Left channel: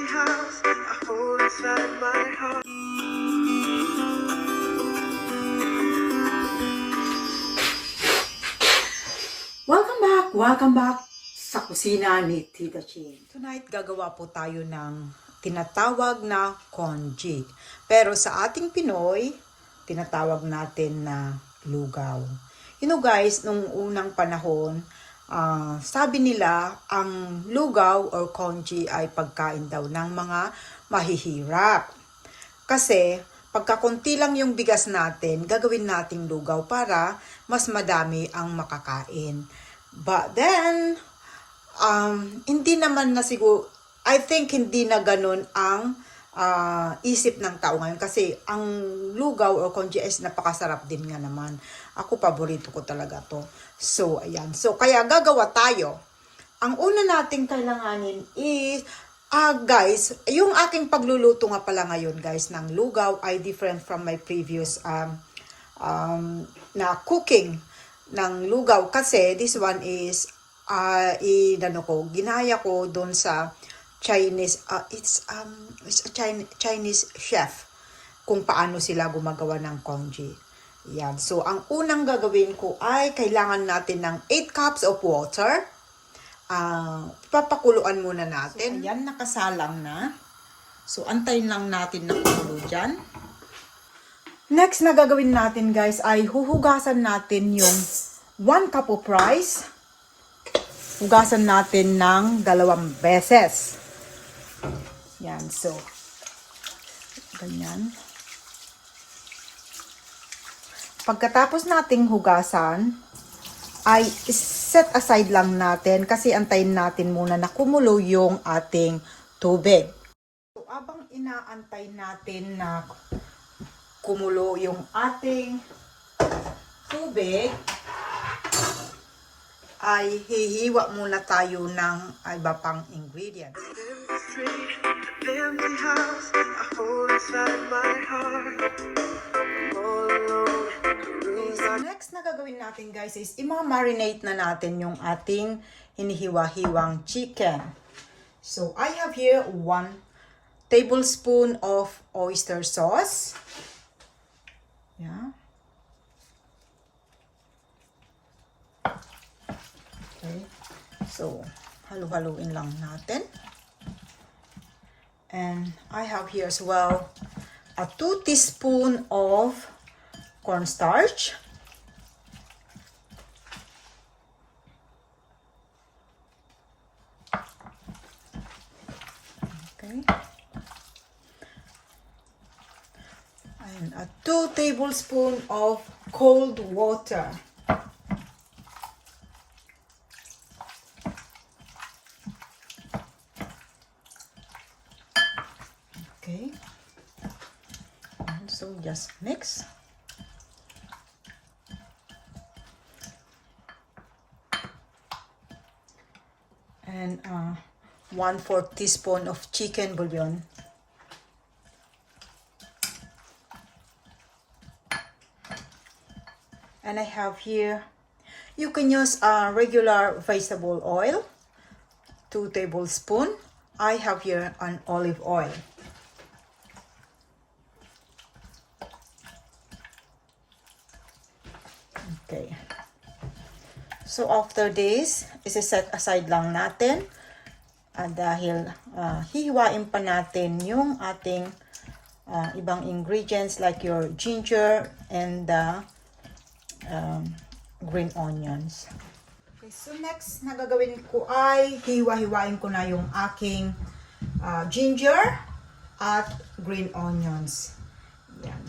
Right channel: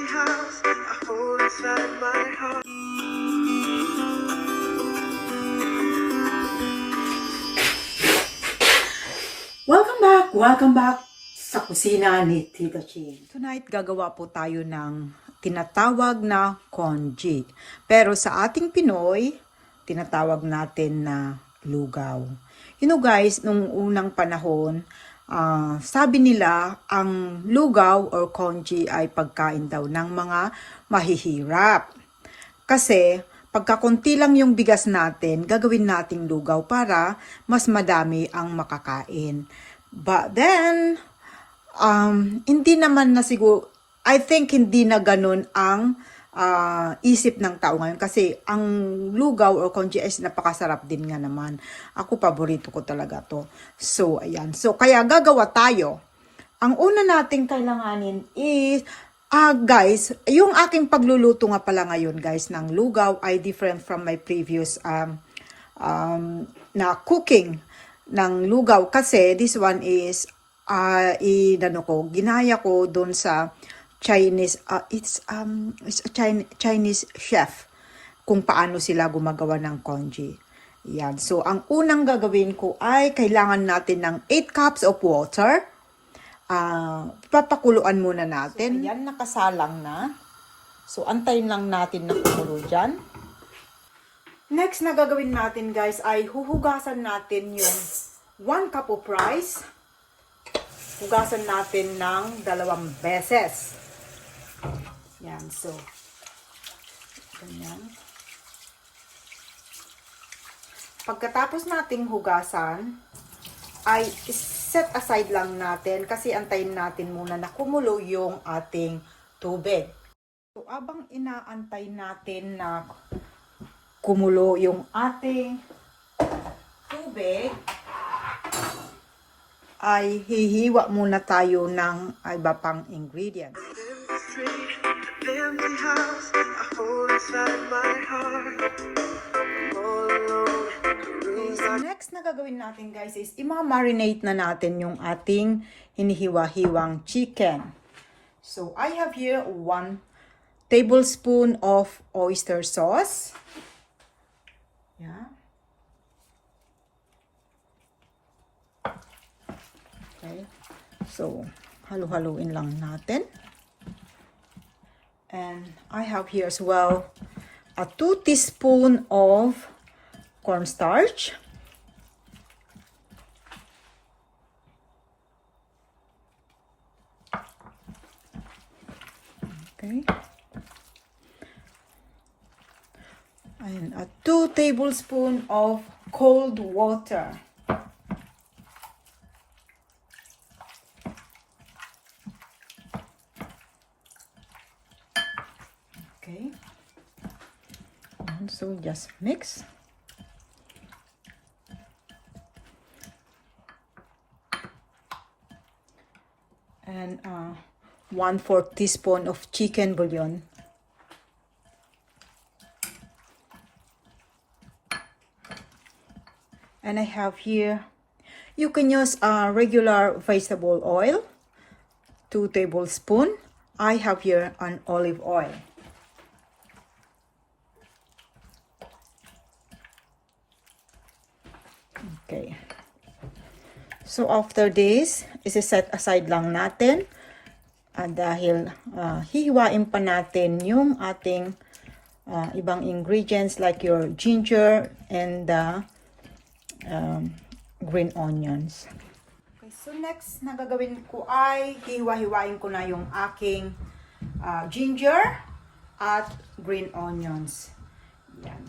empty house I hold inside my heart. Welcome back sa kusina ni Tita Ching. Tonight, gagawa po tayo ng tinatawag na congee. Pero sa ating Pinoy, tinatawag natin na lugaw. You know guys, nung unang panahon, sabi nila ang lugaw or congee ay pagkain daw ng mga mahihirap. Kasi pagkakunti lang yung bigas natin, gagawin nating lugaw para mas madami ang makakain. But then, hindi naman na siguro, I think hindi na ganun ang isip ng tao ngayon. Kasi ang lugaw or congee is napakasarap din nga naman. Ako, paborito ko talaga to. So, ayan. So, kaya gagawa tayo. Ang una nating kailanganin is, guys, yung aking pagluluto nga pala ngayon, guys, ng lugaw ay different from my previous na cooking ng lugaw kasi this one is ginaya ko doon sa Chinese it's a Chinese chef kung paano sila gumagawa ng congee. Yan. So ang unang gagawin ko ay kailangan natin ng 8 cups of water. Papakuluan muna natin. So ayan, nakasalang na. So antayin lang natin na kumulo dyan. Next na gagawin natin guys ay huhugasan natin yung 1 cup of rice. Hugasan natin ng 2 beses. Yan, so ganyan. Pagkatapos nating hugasan ay set aside lang natin kasi antayin natin muna na kumulo yung ating tubig. So abang inaantay natin na kumulo yung ating tubig, ay hihiwa muna tayo ng iba pang ingredients. Next na gagawin natin guys is ima-marinate na natin yung ating hinihiwa-hiwang chicken. So I have here 1 tablespoon of oyster sauce. Yeah. Okay. So, halo-haloin lang natin. And I have here as well a 2 teaspoon of cornstarch. Okay. And a 2 tablespoons of cold water. Okay. And so just mix. And 1/4 teaspoon of chicken bouillon. And I have here, you can use regular vegetable oil, 2 tablespoons. I have here an olive oil. Okay. So after this, isi-set aside lang natin. Dahil hihiwain pa natin yung ating ibang ingredients like your ginger and green onions. Okay, so next na gagawin ko ay hiwa-hiwain ko na yung aking ginger at green onions. Yan.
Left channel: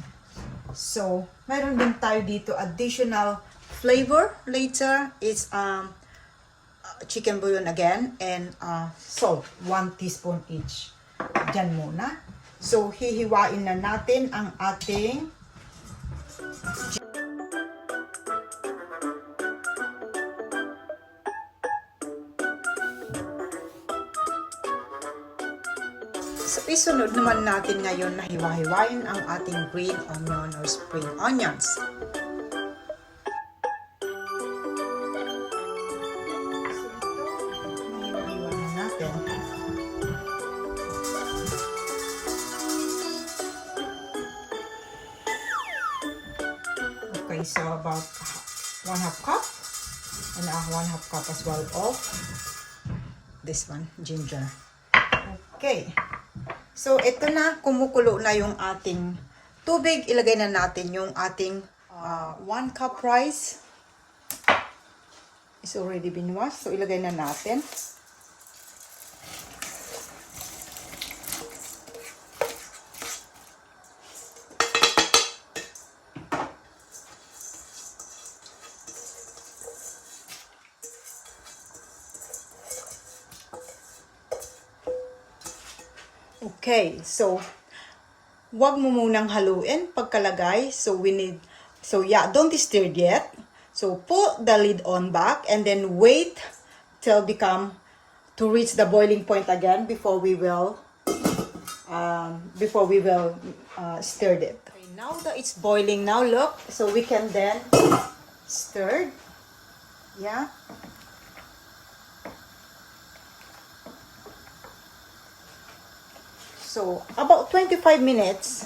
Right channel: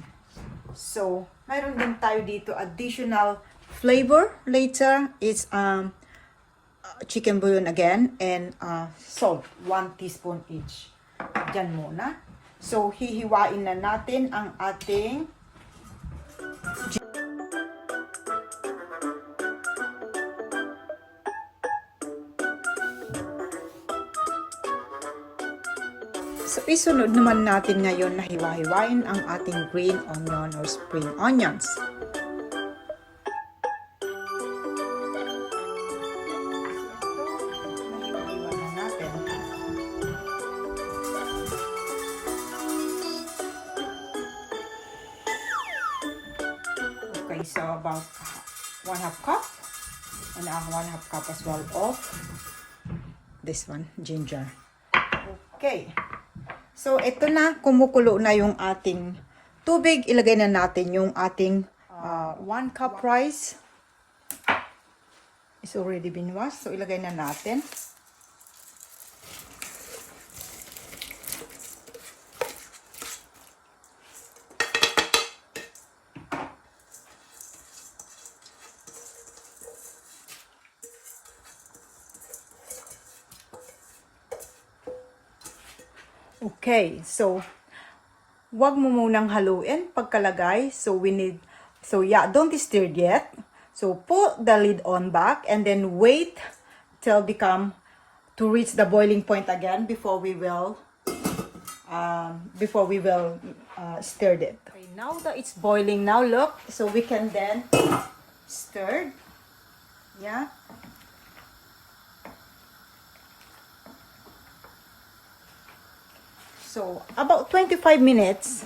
So, mayroon din tayo dito additional flavor later. It's chicken bouillon again and salt, 1 teaspoon each. Diyan muna. So, hihiwain na natin ang ating So, isunod naman natin ngayon na hiwa-hiwain ang ating green onion or spring onions. half as well of this one, ginger. Okay. So, ito na, kumukulo na yung ating tubig. Ilagay na natin yung ating 1 cup rice. It's already been washed. So, ilagay na natin. Okay, so wag mo munang haluin pagkalagay. So don't stir yet. So put the lid on back and then wait till to reach the boiling point again before we will stir it. Okay, now that it's boiling, now look, so we can then stir. Yeah. So, about 25 minutes,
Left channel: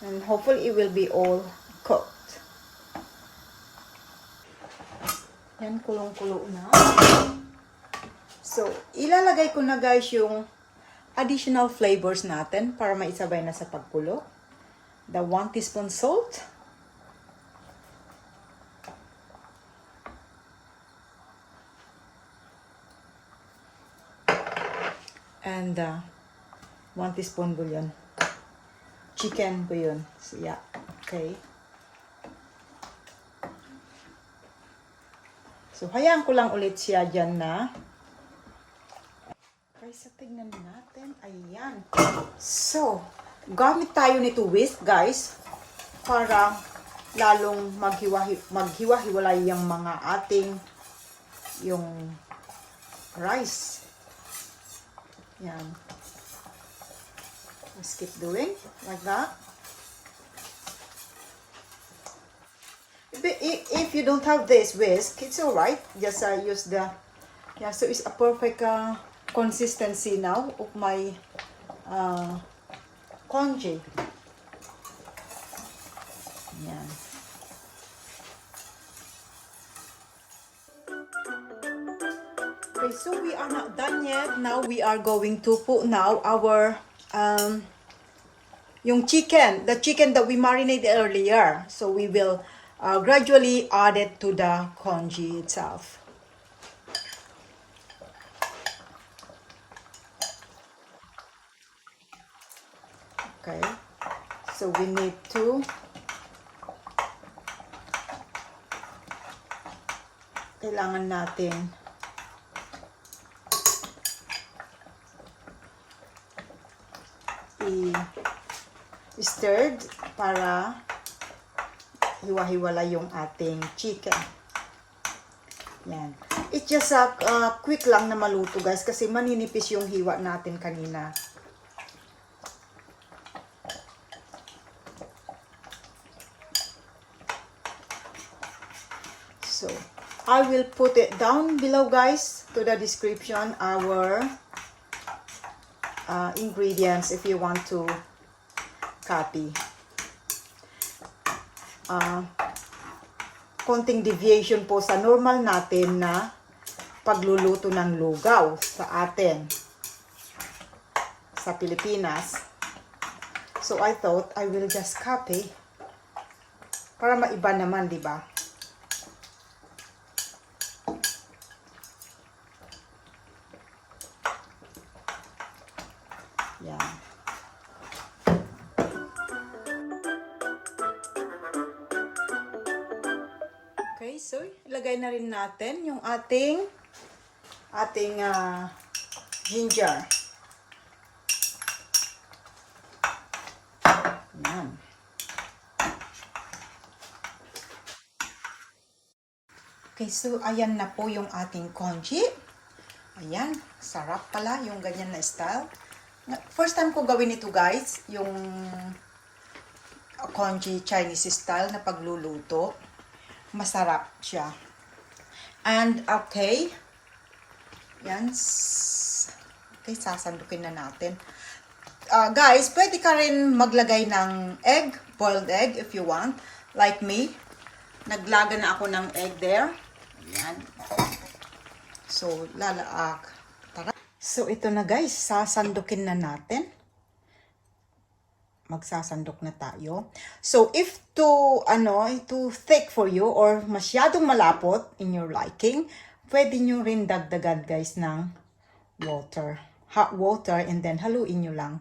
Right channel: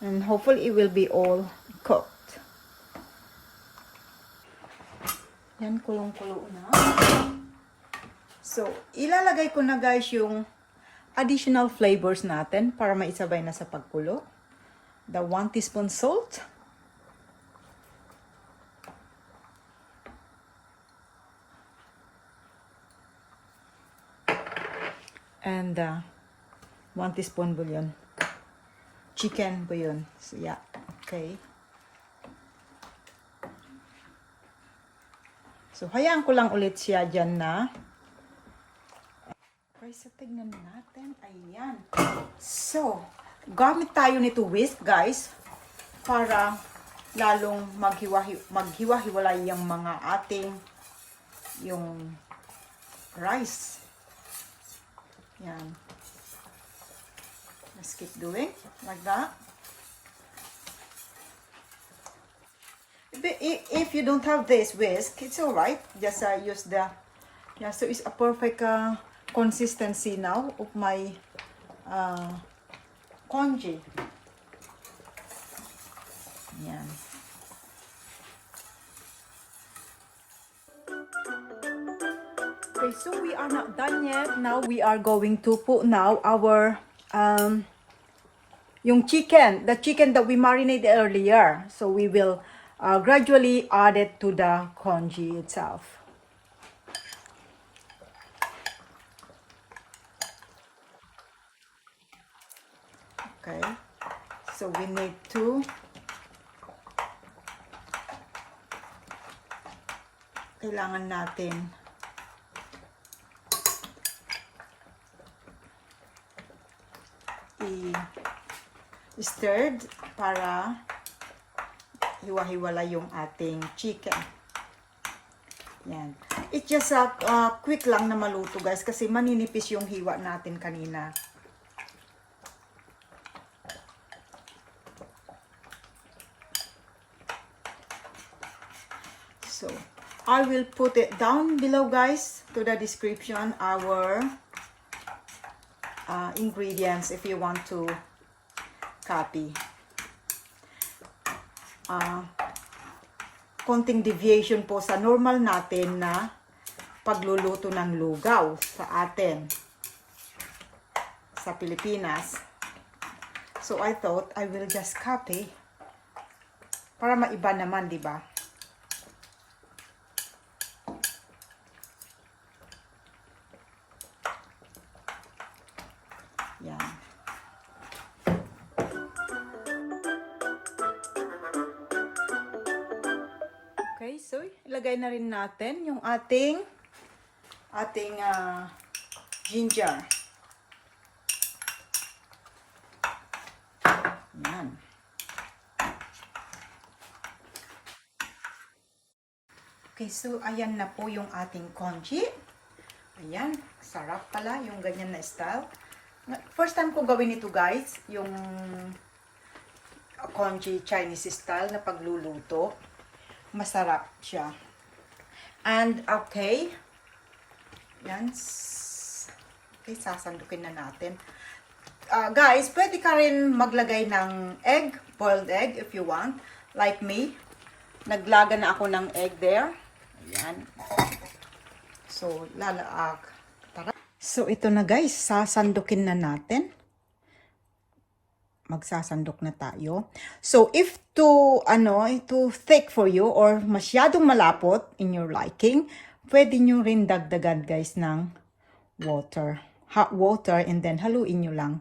and hopefully it will be all cooked. Yan, kulong-kulo na. So, ilalagay ko na guys yung additional flavors natin para maisabay na sa pagkulo. The 1 teaspoon salt. And 1 teaspoon bouillon. Chicken bouillon. So, yeah. Okay. So, hayaan ko lang ulit siya dyan na. Okay, so tignan natin. Ayan. So, gamit tayo nito whisk, guys, para lalong maghiwa-hiwalay yung mga yung rice. Yan. Let's keep doing like that. If you don't have this whisk, it's alright. Just use the, yeah, so it's a perfect consistency now of my congee. Yeah. Okay, so we are not done yet. Now we are going to put now our yung chicken, the chicken that we marinated earlier. So we will gradually add it to the congee itself. Okay, so we need to kailangan natin i-stirred para hiwa-hiwala yung ating chicken. Yan. It's just quick lang na maluto guys kasi maninipis yung hiwa natin kanina. So, I will put it down below guys to the description our ingredients if you want to copy. Konting deviation po sa normal natin na pagluluto ng lugaw sa atin sa Pilipinas. So I thought I will just copy para maiba naman, di ba? Yan. Okay, so ilagay na rin natin yung ating ginger. Yan. Okay, so ayan na po yung ating congee. Ayan, sarap pala yung ganyan na style. First time ko gawin ito guys, yung congee Chinese style na pagluluto. Masarap siya. And okay. Yan. Okay, sasandukin na natin. Guys, pwede ka rin maglagay ng egg, boiled egg if you want. Like me. Naglaga na ako ng egg there. Ayan. So, tara. So, ito na guys, sasandukin na natin. Magsasandok na tayo. So, if too thick for you or masyadong malapot in your liking, pwede nyo rin dagdagan guys ng water. Hot water and then haluin nyo lang.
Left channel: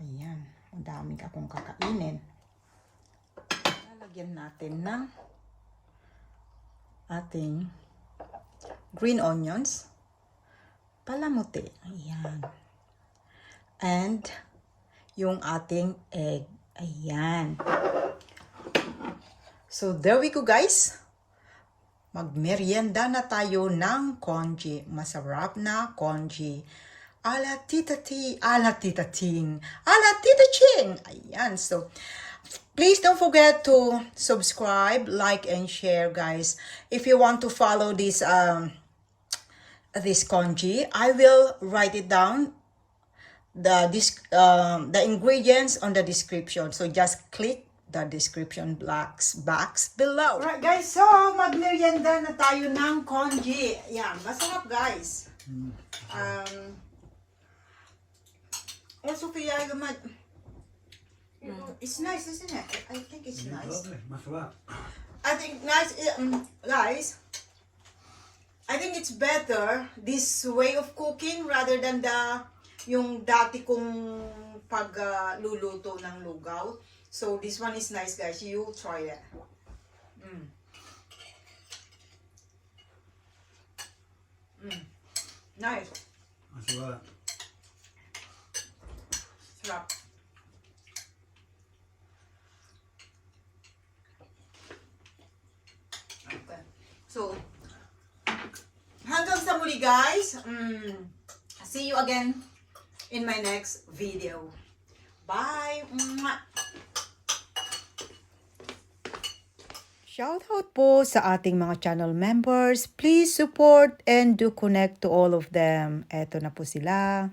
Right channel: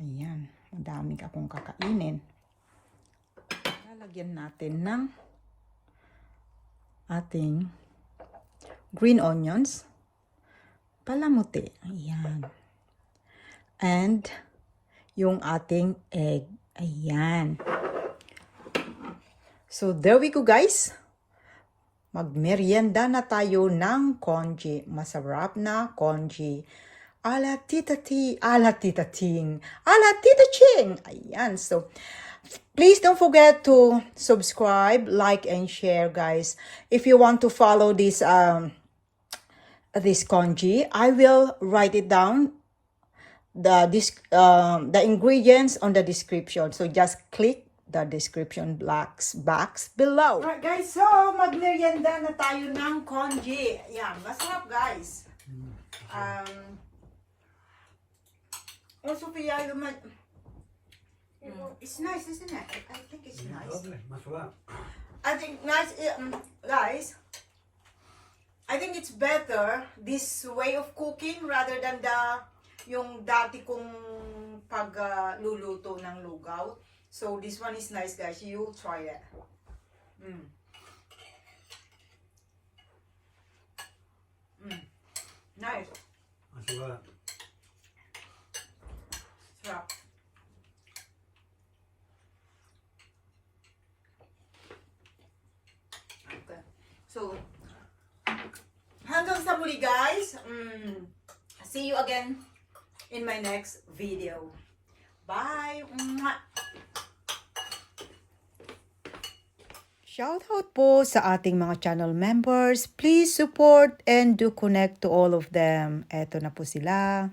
Ayan. Ang dami akong kakainin. Lalagyan natin ng ating green onions. Palamuti. Ayan. And yung ating egg. Ayan. So, there we go guys. Magmerienda na tayo ng congee. Masarap na congee. Ala Tita Ching. Ala Tita Ching. Ayan. So, please don't forget to subscribe, like, and share guys. If you want to follow this congee, I will write it down the ingredients on the description, so just click the description box below. Alright guys, so magmerienda na tayo ng congee. Yan, masarap guys. Also Pia, it's nice, isn't it? I think it's nice. I think nice, guys. I think it's better this way of cooking rather than yung dati kong pagluluto ng lugaw. So this one is nice guys. You try it. Nice. Masarap. Sarap. Okay. So hanggang sa muli guys. See you again in my next video. Bye! Shoutout po sa ating mga channel members. Please support and do connect to all of them. Eto na po sila.